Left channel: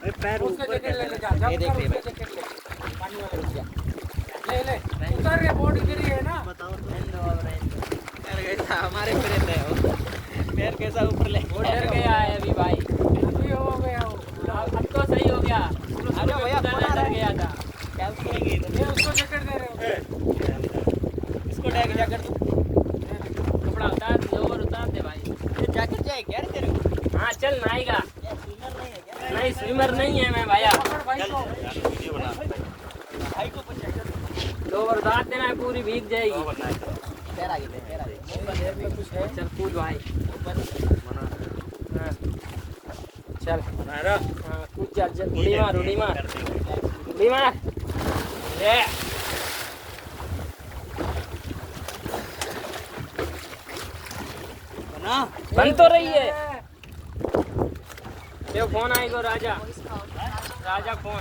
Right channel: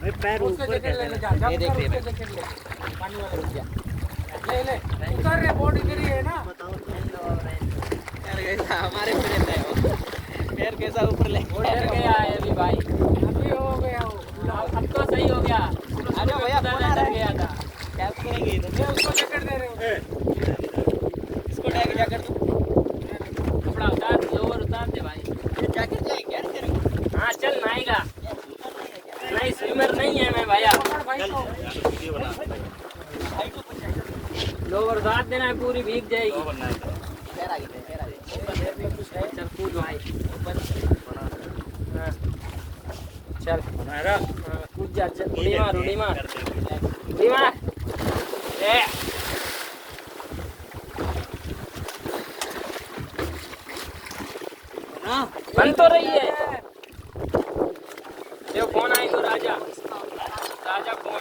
पैर उसके ऊपर जैकेट कर लेके देना। जा ये देख रहे हैं उसके जैकेट ले पानी वाला रुक जा ले ले उतर रे बॉडी गिरी है ना बताओ तो यार कैसा हमारे पे रहता है वो पैर कैसा ऊपर ले वो डर गया है अभी भाई। अभी हो गया हो अब तो सही हो गया। अरे भैया फोन आ रहा है गया था। क्या करेंगे ये उसको जैकेट दे रहे हो इसको टैग क्या कर दूं कपड़ा उतार लोअर उतार दे भाई। ये जैकेट चाहिए क्या रे तेरे को हाँ चल नहाएगा। यार स्विमर नहीं है क्या नहीं स्विमर नहीं है मैं भैया। भाई को भाई को पूछ लोअर उतार देना पूरी भीग जाएगी। पैर आगे पैर आगे कुछ है चल कूद भाई। ऊपर हाँ चल हाँ कूद जा उड़ी मार उड़ी मार उड़ी मार। ए बना बन तो रही है। देखो फोन आई तो राजा राजा फोन